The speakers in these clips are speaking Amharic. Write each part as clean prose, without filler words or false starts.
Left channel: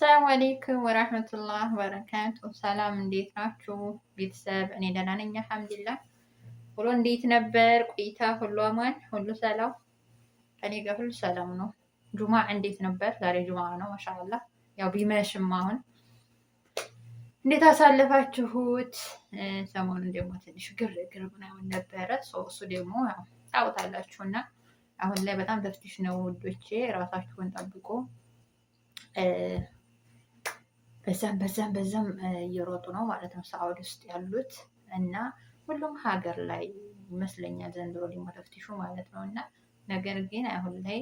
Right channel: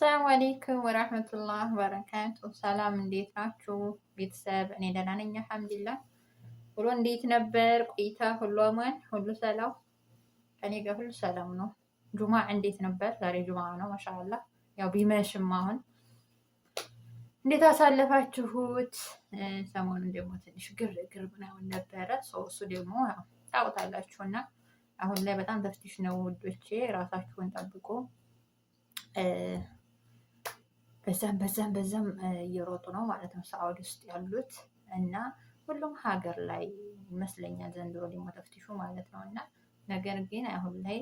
ሰላም አለይኩም ወራህመቱላህ ወበረካቱ። ሰላም እንዴት ናችሁ ቤተሰብ? እኔ ደህና ነኝ አልሐምዱሊላህ። ሁሉ እንዴት ነበር ቆይታ? ሁሉ አማን፣ ሁሉ ሰላም? እኔ ጋር ሁሉ ሰላም ነው። ጁማ እንዴት ነበር? ዛሬ ጁማ ነው ማሻአላህ። ያው ቢመሽም አሁን እንዴት አሳለፋችሁት? ሰሞኑን ደግሞ ትንሽ ግርግር ምናምን ነበረ። እሱ ደግሞ ታውቃላችሁና አሁን ላይ በጣም ተፍቲሽ ነው ውዶቼ። ራሳችሁን ጠብቁ። በዛም እየሮጡ ነው ማለት ነው ሳዑዲ ውስጥ ያሉት እና ሁሉም ሀገር ላይ ይመስለኛል ዘንድሮ ደግሞ ተፍቲሹ ማለት ነው። እና ነገር ግን አሁን ላይ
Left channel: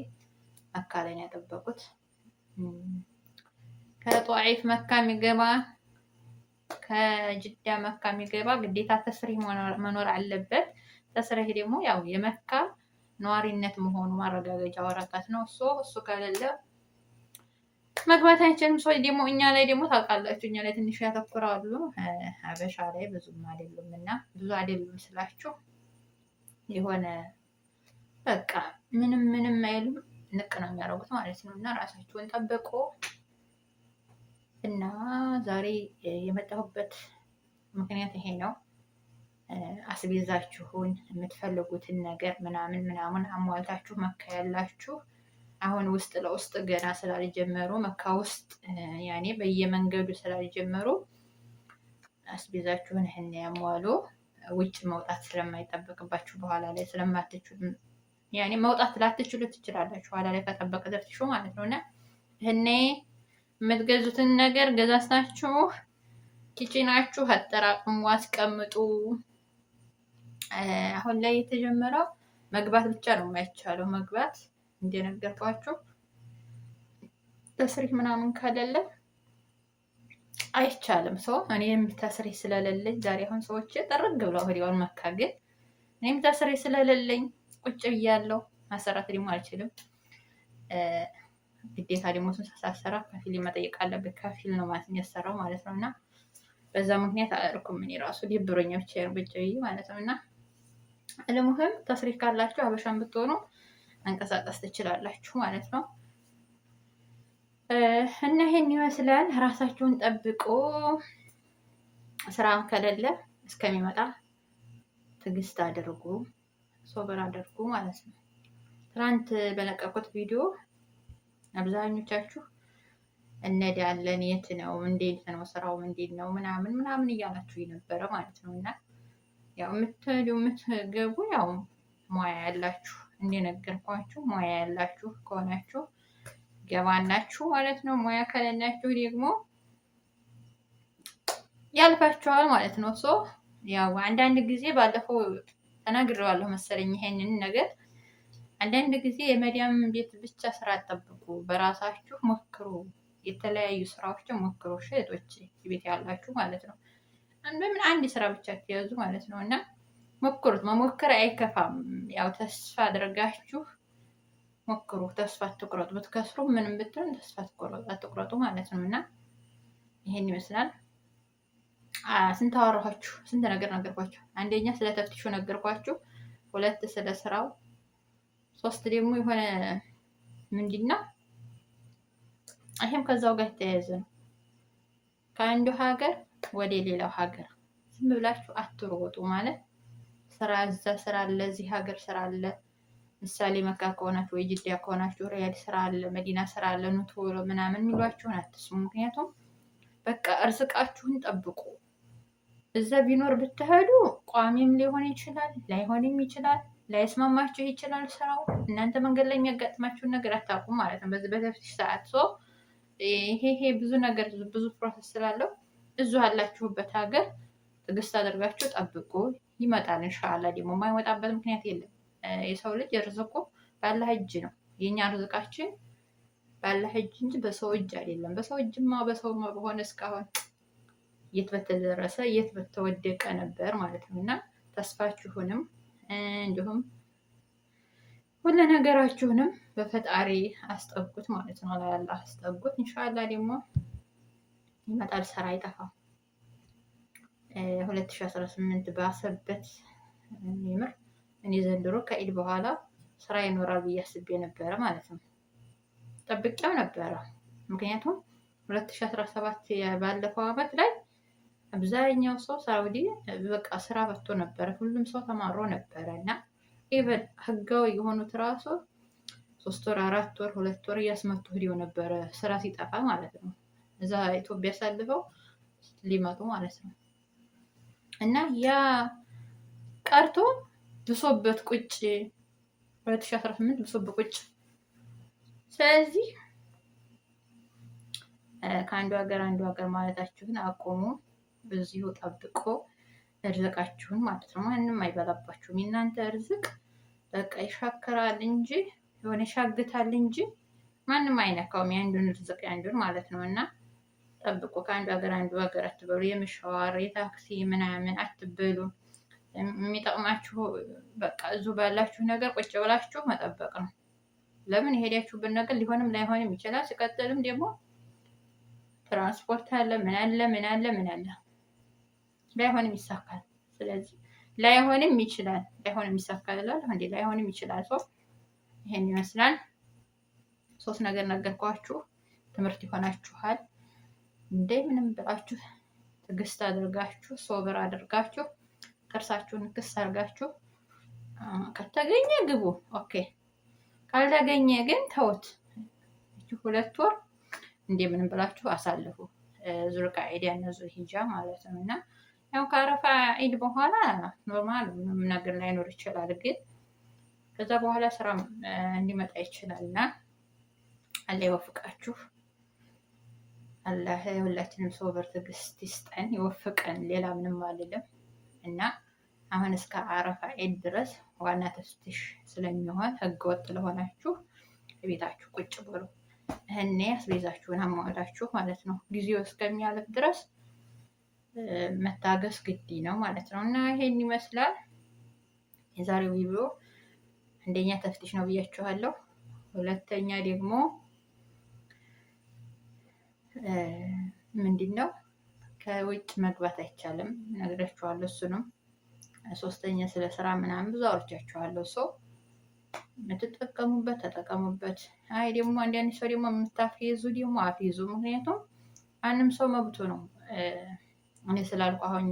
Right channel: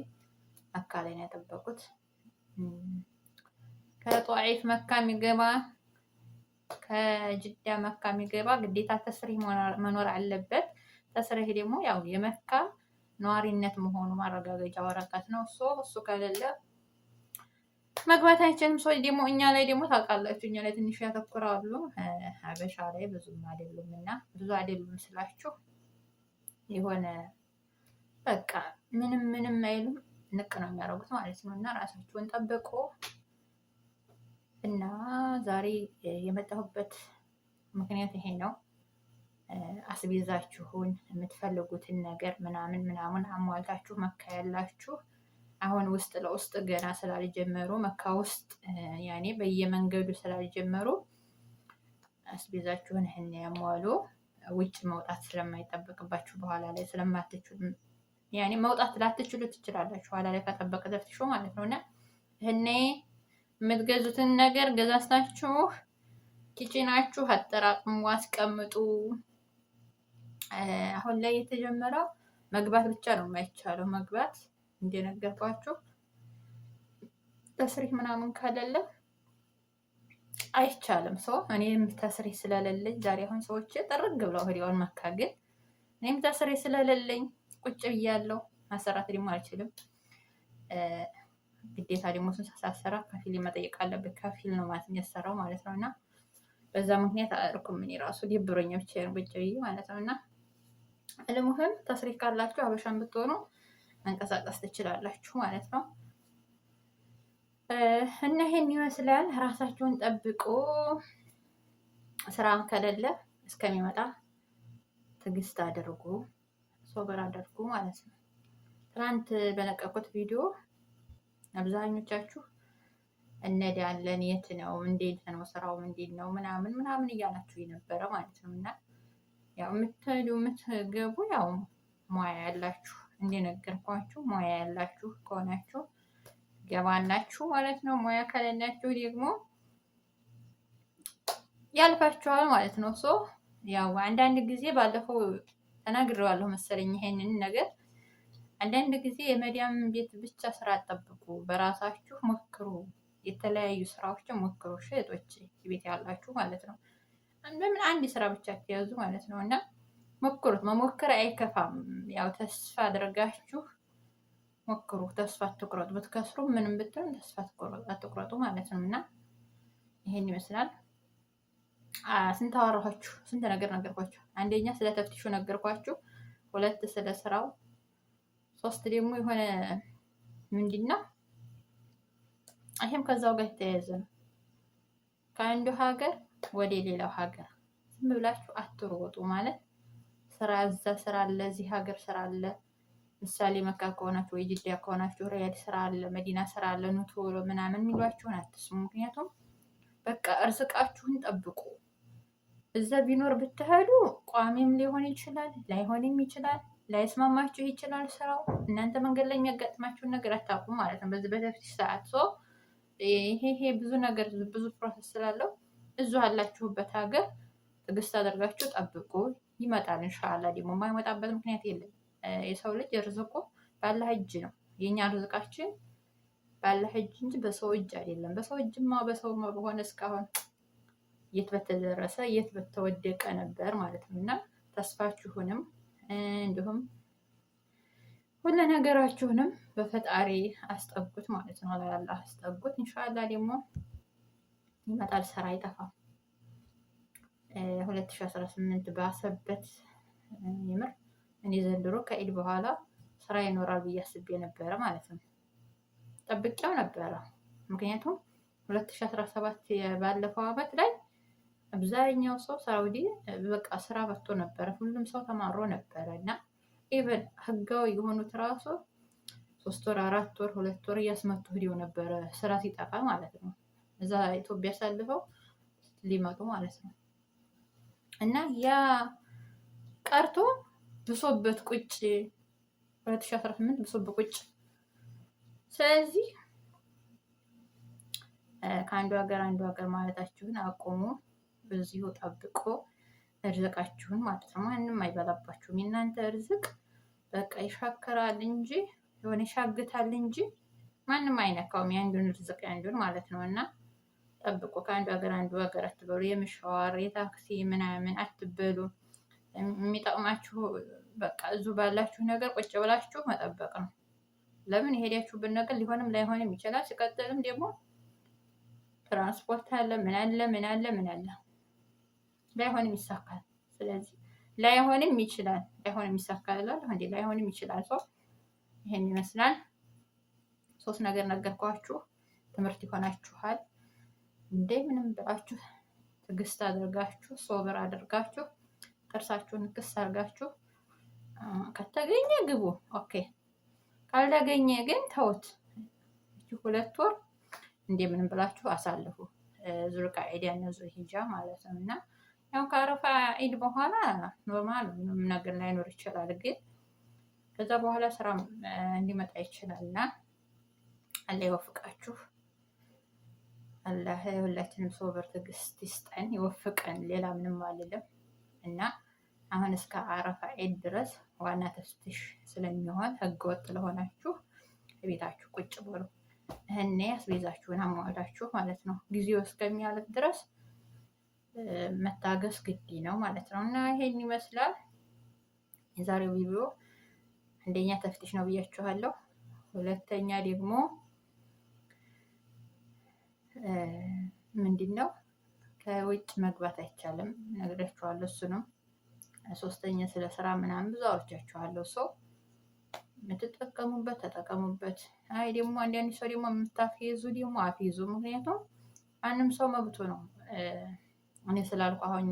መካ ላይ ነው ያጠበቁት። ከጧኢፍ መካ የሚገባ ከጅዳ መካ የሚገባ ግዴታ ተስሪህ መኖር አለበት። ተስሪህ ደግሞ ያው የመካ ነዋሪነት መሆኑ ማረጋገጫ ወረቀት ነው። እሱ ከሌለ መግባት አይችልም። ሰው ደግሞ እኛ ላይ ደግሞ ታውቃላችሁ፣ እኛ ላይ ትንሽ ያተኩራሉ። ሀበሻ ላይ ብዙም አይደሉም እና ብዙ አይደሉም ስላችሁ የሆነ በቃ ምንም አይሉም፣ ንቅ ነው የሚያደርጉት ማለት ነው። እና ራሳችሁን ጠብቁ። እና ዛሬ የመጣሁበት ምክንያት ይሄ ነው። አስቤዛችሁን የምትፈልጉትን ነገር ምናምን አሟልታችሁ መካ ያላችሁ አሁን ውስጥ ለውስጥ ገና ስላልጀመሩ መካ ውስጥ ያኔ በየመንገዱ ስላልጀመሩ አስቤዛችሁን ይሄን ያሟሉ። ውጭ መውጣት ስለማይጠበቅባችሁ በኋላ ላይ ስለማትችሉ ያኔ መውጣት ላትችሉ ትችላላችሁ በኋላ ላይ ከጠበቀ ተፍትሾ ማለት ነው። እና ይሄኔ የምትገዙትን ነገር ገዛስታችሁ ኪችናችሁ አጠራቅሙ፣ አስቀምጡ። አሁን ላይ የተጀመረው መግባት ብቻ ነው የማይቻለው። መግባት እንደነገርኳችሁ ተስሪህ ምናምን ከሌለ አይቻልም። ሰው እኔም ተስሪህ ስለሌለኝ ዛሬ አሁን ሰዎች ጠርግ ብለው ወዲያውን መካ፣ ግን እኔም ተስሪህ ስለሌለኝ ቁጭ ብያለሁ። ማሰራት ደግሞ አልችልም። ግዴታ ደግሞ ሳሰራ ከፊል መጠየቅ አለብኝ። ከፊል ነው ማለት የሚያሰራው ማለት ነው። እና በዛ ምክንያት አልኩም። እኔ ራሱ ሊብሮኛ ብቻ ቁጭ ብዬ ማለት ነው። እና ለሙህም ተስሪህ ካላችሁ ሀበሻን ብትሆኑ መንቀሳቀስ ትችላላችሁ ማለት ነው። እና ይሄን ይመስላል። ራሳችሁን ጠብቁ። ስራ ከሌለ እስከሚመጣ ትዕግስት አድርጉ፣ ሶብር አድርጉ ማለት ነው። ትናንት በለቀቁት ቪዲዮ አብዛኞቻችሁ እንሄዳለን፣ የት ነው፣ እንዴት ነው ስራው፣ እንዴት ነው ምናምን እያላችሁ የነበረ ማለት ነው። እና ያው የምትገቡ ያው ሙያ ያላችሁ እንደነገርኳችሁ ሙያ ያላችሁ ከሆናችሁ ገባላችሁ ማለት ነው። ሙያ ከሌላችሁ ደግሞ ያልፋችኋል ማለት ነው። ያው አንዳንድ ጊዜ ባለፈው ተናግሬዋለሁ መሰለኝ ይሄንን ነገር። አንዳንድ ጊዜ የመዲያም ቤት ብቻ ስራ አጠብቁ፣ በራሳችሁ ሞክሩ፣ የተለያዩ ስራዎችን ሞክሩ። ሸጦች ቤት ያላችሁ ማለት ነው። በምን አንድ ስራ ብቻ ተያዙ ማለት ነው። እና ሞክሩት። መሞከር አይከፋም። ያው ተስፋ አድርጋችሁ ሞክሩ። ተስፋ አትቁረጡ። ብትከስሩ ምንም ብትሆን ተስፋ አትቁረጡ ማለት ነው። እና ይሄን ይመስላል። ስንት አወራኋችሁ? ስንት ነገር ነገርኳችሁ። አንደኛ ስለ ተፍቲሹ ነገርኳችሁ፣ ሁለት ስለ ስራው፣ ሶስት ደግሞ የሆነ ምንድነው ይሄም ከዛው ጋር የተያያዘ ነው። ከአንዱ ሀገር ወደ ሌላው ሀገር ዝም ብላችሁ አትሮጡ ማለት ስራ እዛ ስራ አለ፣ እዚህ ሀገር ስራ አለ። ምሳሌ መካ ከሆናችሁ ወይ ጅዳ ከሆናችሁ ሪያድ ስራ አለ፣ መዲና ስራ አለ፣ ኑ ቶሎ ምናምን የሚሏችሁን አትስሙ። ምክንያቱም በቃ እርዝቃችሁን ጠብቁ። እዛ ቢኖር ብትሄዱ ቋሚም ሊሆን ይችላል፣ ላይሆንም ይችላል፣ ላይስማማችሁ ይችላል ስራው። እናንተ መንገድ ላይ የሚያጋጥማችሁን ነገር አታውቁም ማለት ነው። በዚህ በተፍቲሽ ሰዓት ይሄ ብዙ ነገር ብዙ ፕሮሰስ ስላለው እዙ ያላችሁበት ሀገር ትዕግስት አድርጋችሁ ጠብቁ። ይመጣል ኢንሻአላህ። ደግሞ የማይመጣበት ምክንያት የለም። የሰው ልጅ ርዝቁ ባላህ እጅ ነው። የኛ ርዝቃችን ባላህ እጅ እንጂ በሰው እጅ አይደለም። በሰው እጅማ በሰው በሆነ እስካሁን የት በተደረሰ የት በተወደቀ ነበር ማለት ነው። እና ተስፋችሁንም እንዲሁም ሁሉ ነገራችሁንም በፈጣሪ አስጠጉት ማለት ነው። ለአላህ አስጠጉት። ኢንሻአላህ ደግሞ ይመጣል። ስራ አይጠፋም። 2018 ባሰበት የምር እኔ ዘንድሮ ከኢድ በኋላ ስራ ይኖራል ብዬ አስቤ ነበረ ማለት ነው። ጠብቄው ነበረ። ምክንያቱም 2017 ባለፈው አመት ላይ አብዛኛው ሰው ሳውዲ በቃ ስራ በቶ ነበረ። ሁሉም ሰው ተማሮ ነበረ እና ኢቨን ህጋዊ የሆኑት ራሱ 3 ወር 4 ወር 2 ወር እያስመቱ ሄደው ነበረ ስራ ሲጠፋ ማለት ነው። እዛ ኢትዮጵያ ሳልፈው ሊመጡ ማለት ነው። እና ያ ቀርቶ ብሶበት ቁጭ 2018 ብሶበት ቁጭ። ስለዚህ ከአንዱ ሀገር አንዱ ሀገር ማለታችሁን አቁሙ። በዚሁ ጠብቆ እርዝቃችሁን ማለት ነው። ማንም አይበላባችሁም። የእናንተ እርዝቅ በቃ ይሻከራል እንጂ የሆነ ይሻግታል እንጂ ማንም አይነካውም። የአንዱን እርዝቅ ያንዱን ማለት ነው። እና ጠብቆ ከአንዱ ሀገር አንዱ ሀገር አትበሉ። የምሻዋር የታክሲ ምናምን አትበሉ። የሚጠቅማችሁ በቃ እዙ ባላችሁ ነገር ቁጭ ብላችሁ መጠበቅ ነው። ለምን የሄዳችሁበት ነገር ሊሆንም ላይሆንም ይችላል። ሲቀጥልም ደግሞ ትራንስፖርት አለ፣ ምን አለ ምን አለ ምን አለ፣ ላይሆንም ይሳካል። ስለዚህ ላይሆንም ይችላል፣ ላይሆንም ይሳካል እንዴ፣ ላይሆንም ይችላል። ሰው ይሄን ይመስላል። 3 ነገር ነገርኳችሁ፣ ትምህርት ይሆናችኋል። እንዴ ምንም ብላችሁ ትዕግስት አድርጋችሁ ሶብር አድርጋችሁ ጥርሳችሁን ክስ አድርጋችሁ ከተገኘ ግቡ፣ ኦኬ። ካልተገኘ ግን ተውት። 2 ወር እንዴ ምንም ብላችሁ አሳልፉ። ዙልቃዒዳ እና ዙልሂጃ ማለት ነው። እና ያው ከአረፋ ዒድ በኋላ ኖርማል ምንም ነገር ላይኖር ይችላል። ግን ከዛ በኋላ ስራ እንዲመጣ ይችላል። እና አላህ ይወፍቃችሁ። አላህ ሁላችንም ሶብር ትዕግስት ይስጠን፣ ይወፍቀን። ሌላ ምንም አልልም። እና አሁን እስከ አረፋ ዒድ ድረስ ዋና ተፍትሽ ስለሚሆን ህገወጥ ለሆናችሁ ቤታችሁ ቁጭ ብሉ። እኔ አስቤዛችሁን አሟላችሁ ማለት ነው። ጊዜው እስከሚያልፍ ድረስ መታገስ ግድ ነው ማለት ነው። እና ይሄን ይመስላል የዛሬው ቪዲዮ። አንደኛ ተፍትሽ ነው ብያችኋለሁ። ሁለተኛ ደግሞ ምንድነው ከውጭ መግባት አይቻልም ነግራችኋለሁ። እሱንም ሶስተኛ ስለ ስራ ምናምን ብዙ አውርቻችኋለሁ። ሰው የምትጠቀሙበት ተጠቀሙበት። አይ ደግሞ አንዳንድ ሰው ደግሞ የምታፍይዙ ደግሞ አፍይዙ። ምክንያቱም ማንም ሰው መብቱ ነው። እኔ ስላልኩ አሁን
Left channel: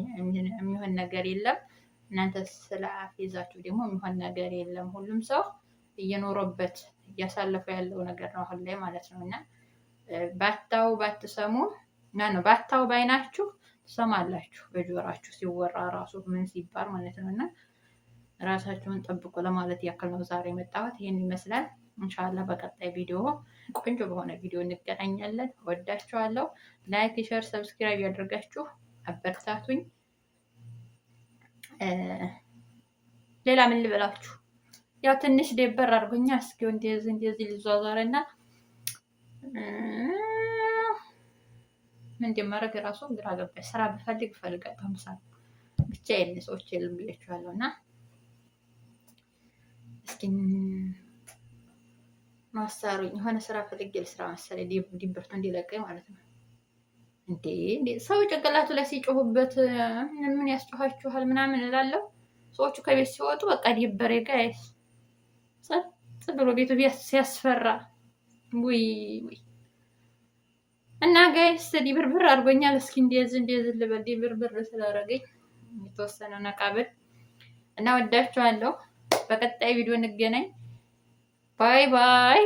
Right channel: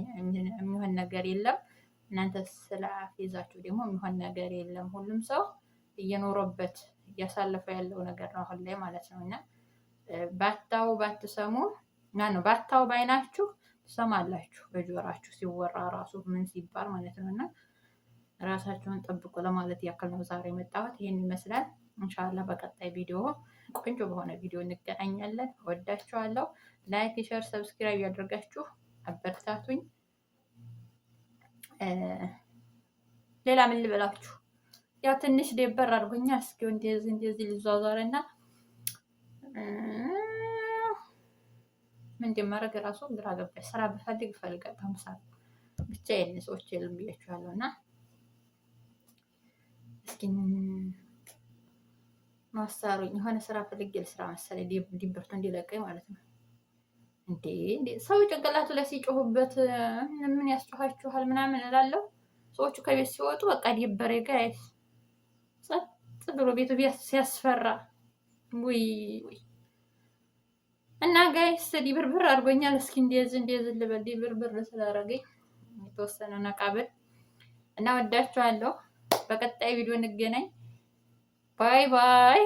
የሚሆን ነገር የለም። እናንተ ስለ አፍይዛችሁ ደግሞ የሚሆን ነገር የለም። ሁሉም ሰው እየኖረበት እያሳለፈ ያለው ነገር ነው አሁን ላይ ማለት ነው። እና ባታው ባትሰሙ ነው ባታው ባይናችሁ ትሰማላችሁ በጆራችሁ ሲወራ ራሱ ምን ሲባል ማለት ነው። እና ራሳችሁን ጠብቁ ለማለት ያክል ነው ዛሬ የመጣሁት። ይሄን ይመስላል። ኢንሻአላህ በቀጣይ ቪዲዮ ቆንጆ በሆነ ቪዲዮ እንገናኛለን። ወዳችኋለሁ። ላይክ፣ ሼር፣ ሰብስክራይብ ያደርጋችሁ አበረታቱኝ። ሌላ ምን ልበላችሁ? ያው ትንሽ ደበር አድርጎኛ። እስኪ እንደዚህ ልዟዟርና ምን እንደማደርግ እራሱ ግራ ገባኝ። ስራ ብፈልግ እፈልጋለሁ። ምሳሌ ብቻ የለ ሰዎች የለም ብያችኋለሁ። እና እስኪ ማሳሩኝ የሆነ ስራ ፈልጌ ልስራ መሰለኝ ዲበርቱ እንዲለቀኝ ማለት ነው። እንዴ ሰው ጭንቅላቱ ላይ ሲጮሁበት ምን ያስጮኋችኋል ምናምን እላለሁ። ሰዎቹ ከቤት ሲወጡ በቃ ዲበሬ ጋይስ ጸጥ ብሎ ቤቱ ሲያስፈራ ውይ ውይ። እና ጋይስ ዲብርብር አድርጎኛል። እስኪ እንደዚህ ልበል ዲብርብር ስላደረገኝ የተወሰነ ነቃብል እና ወዳችኋለሁ። በቀጣይ ቪዲዮ እንገናኝ። ባይ ባይ።